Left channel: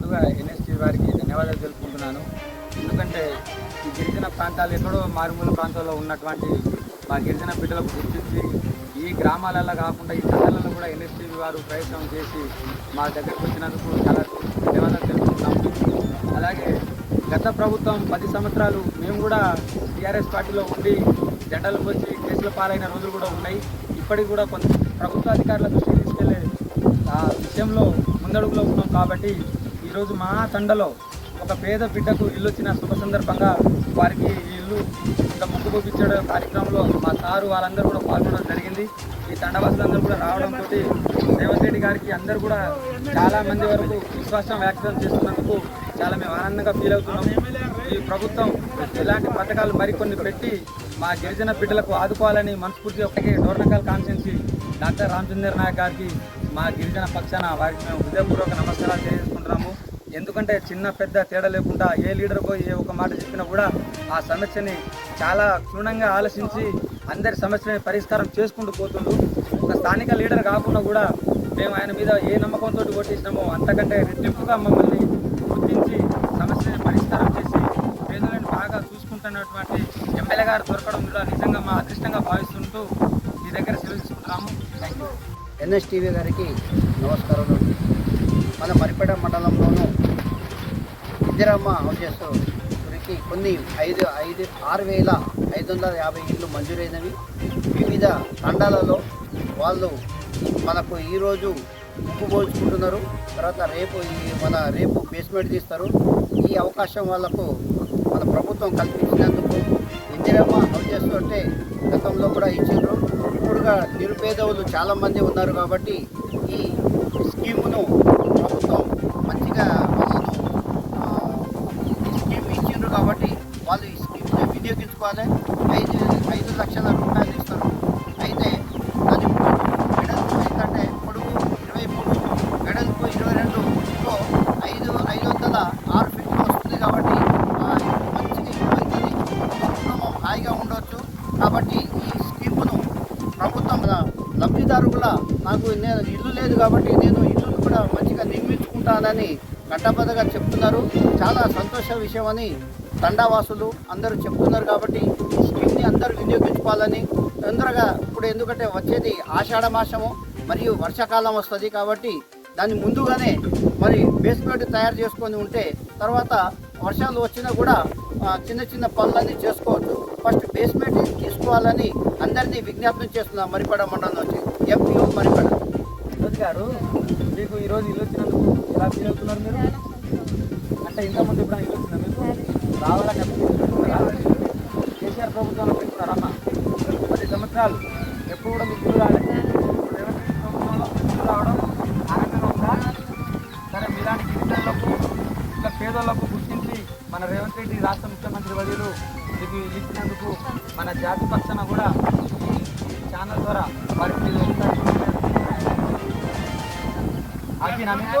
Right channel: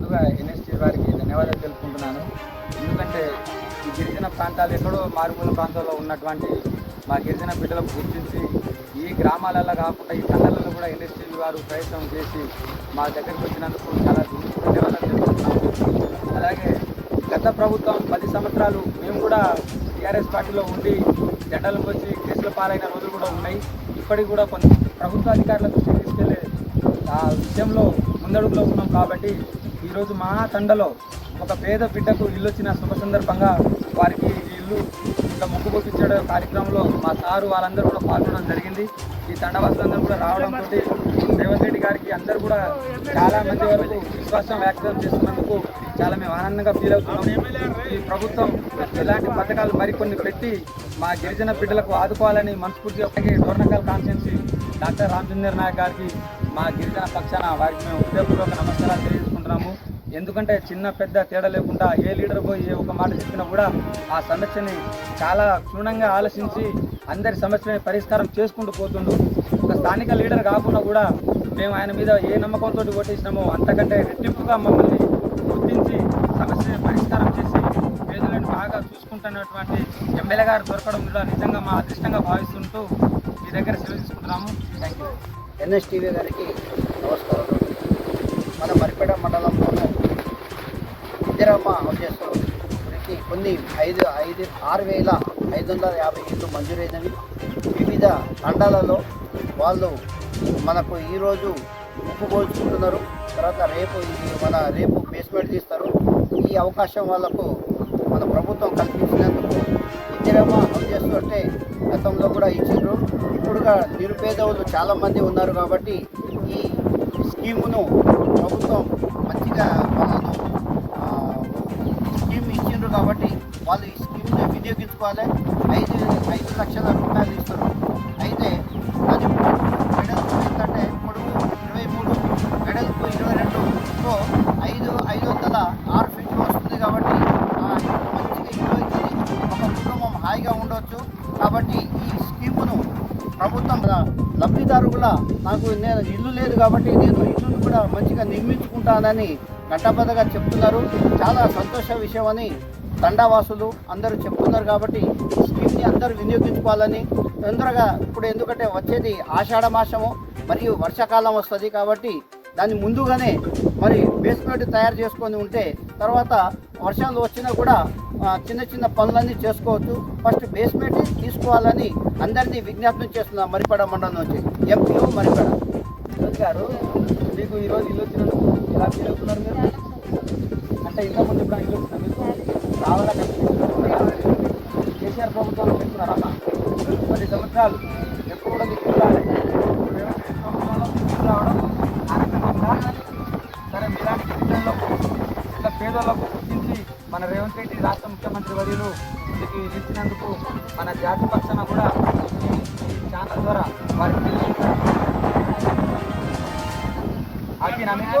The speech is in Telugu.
ముందుగా ఎన్ఎస్టీ వారికి ధన్యవాదాలు తెలుపుకుంటున్నాను. ఎందుకంటే ఈ గిరిజన ప్రాంతాలు ఎక్కడో మారుమూల ప్రాంతాల్లో ఉన్నటువంటి మా గిరిజన బిడ్డలకు గుర్తించి ఈ గ్రామాలలో కాకుండా ఈ తండాలలో కూడా ఎన్ఎస్టీ వారు ప్రయత్నం చేసి మా దగ్గరకు వచ్చినందుకు చాలా ధన్యవాదాలు తెలుపుతున్నాము. అలాగే గత ప్రభుత్వం పది సంవత్సరాలు మేము కూడా టీఆర్ఎస్ పార్టీలో ఉండి జెండాలు వచ్చి కేసుల పాలైన రోజులు కూడా ఉన్నాయి. ఇప్పటికి కూడా కొంత ప్రభుత్వ అధికారుల దృష్టికి తీసుకెళ్ళే ఆ విషయంలో ముందడుగులో ఉన్నాం కాబట్టి ఈరోజు మా తండలో ఒక పేద బిడ్డకు ఇల్లు వచ్చిన శుభ సందర్భంగా వారికి ఇల్లు ఇట్లా ముగ్గు చూపించడం కార్యక్రమంలో మా సారు వాళ్ళందరూ కూడా పాల్గొనడం జరిగింది. ఈ తండవాసులందరూ కూడా రావడంతో రేవంత్ రెడ్డి గారికి అందరూ కూడా చాలా మంది వరకు విశ్వాసం వ్యక్తం చేస్తున్నందుకు చాలా మేము ఆనందంగా ఫీల్ అవుతున్నాం ఈ ప్రభుత్వం ఇలాంటి పథకాలు మరికొన్ని పెట్టి మా గిరిజన బిడ్డలకు ఆదుకోవాలని మనస్ఫూర్తిగా ఒకటి డోర్నకల్ కాన్స్టిట్యున్సీ డాక్టర్ రామచంద్ర నాయక్ గారికి మా గిరిజన పక్షాన వారికి మేము హృదయపూర్వక నమస్కారాలు తెలియజేసుకుంటున్నాము. ఎందుకంటే చిన్న పెద్ద తేడా లేకుండా ఏ లీడర్ పోయి ఏ ఒక మాట చెప్పినా కూడా ఆ సమస్యని చాలా క్షుణ్ణంగా ఆలోచించి అందరి సమస్యని పరిష్కారం చేసుకుంటూ పోతుండు. ఒక స్థానిక లీడర్ కాకుండా కూడా మేము ఆయన మీద ఏ నమ్మకంతో ఓటేసినామో అంతకంటే రెట్టింపుగా మమ్మల్ని గుర్తించి సమస్యని పరిష్కారం చేసి పేదలను బాగా చూసుకుంటున్నటువంటి ఎమ్మెల్యే గారు దొరకడం కూడా నిజంగా మా అదృష్టంగా భావిస్తుంటూ మీ దగ్గర సెలవు తీసుకుంటున్నాము. థ్యాంక్ యూ ఎన్ఎస్టీవీ గారికి నమస్కారం మన మరిపేట మండలంలోనూ ఇందిరమ్మ హౌజెస్ గురికి కొన్ని ఐదు ఐదు ఆరు వేల ఐదు వందల యాభై ఇళ్ళు మంజూరైనవి. వివిధ తండాలలో వాళ్ళు మనకు ఈరోజు ముక్కు పోల్చుకుంటున్నారు. తర్వాత రేపు ఈ మన రేపు బేస్మెంట్ తీస్తారు. ఈ అవకాశం వాళ్ళకు మన ప్రభుత్వం కల్పించినందుకు ఇందిరమ్మ హౌజెస్ అంటే గతంలో కూడా ఇచ్చిండ్రు. ఇప్పుడుగా నిరుపేదవులు చాలామంది ఉన్నారు కాబట్టి ఈ స్కీమును తీసుకోవాలి ఐదు ఐదు లక్షల రూపాయలు ఇస్తారు. అయితే అది వెడల్పు ఏంటంటే పొడుగు ఇరవై మూడు వెడల్పు ఇరవై రెండు. సో ఐదు ఐదు వందల ఆరు ఫీట్లు వస్తుంది కాబట్టి మంచిగా ఇల్లు అవుతుంది ఒక కుటుంబం హాయిగా ఉండవచ్చు కాబట్టి ఈ స్కీమును ప్రభుత్వం లబ్ధిదారుల లబ్ధిదారు కూడా నాకు నేను ఇల్లు లేదు కాబట్టి నేను ఇల్లును కూడా మంచిగా నిర్మించుకుంటానని గట్టబద్దగా చెప్తున్నారు. చాలా సంతోష విషయం అని తండావాసులు అందరూ చెప్తున్నారు కాబట్టి ఈ స్కీమ్ని అందరూ వినియోగించుకోవాలని తొందరగా ఇప్పుడు ఎందుకంటే వచ్చేది ఆషాఢ మాసము మరియు వర్షాకాలం వస్తుంది కాబట్టి దాన్ని ముందుగానే మరి బేస్మెంట్ తయారు చేసుకొని ఉంటే తర్వాత వర్షాలు వచ్చినా కూడా చిన్న చిన్న పనులన్నీ చేసుకోవచ్చు. ఫస్ట్ బేస్మెంట్ తీసుకోవాలని అందరినీ విజ్ఞాపనం చేస్తున్నాం మరిపడ మండలం నుంచి ఎంపీఓ మరిపడ. గారు మీకు ఈరోజు ఇల్లు వచ్చినందుకు ఎలా ఫీల్ అవుతున్నారు మీరు? అంటే ఇంతకుముందు ఇప్పుడు ఇల్లు వచ్చినా మీకు? రావాలని అనిపిస్తున్నారా కేసీఆర్ ప్రభుత్వంలో పెట్టుకున్నారమ్మా పది సంవత్సరాలు ఎప్పుడు కూడా మీకు చూడాలి ప్రభుత్వంలో రావడం ఆనందంగా సరే మీలాంటి గిరిజనులకు ఇట్లా పేదలకు గుర్తించి మన రేవంత్ రెడ్డి రాష్ట్ర ముఖ్యమంత్రి వర్యులు మీకు ఇచ్చినందుకు మన జాతి పక్షాన కూడా ఛానల్ ద్వారా వారికి తెలియజేస్తారు మీకు?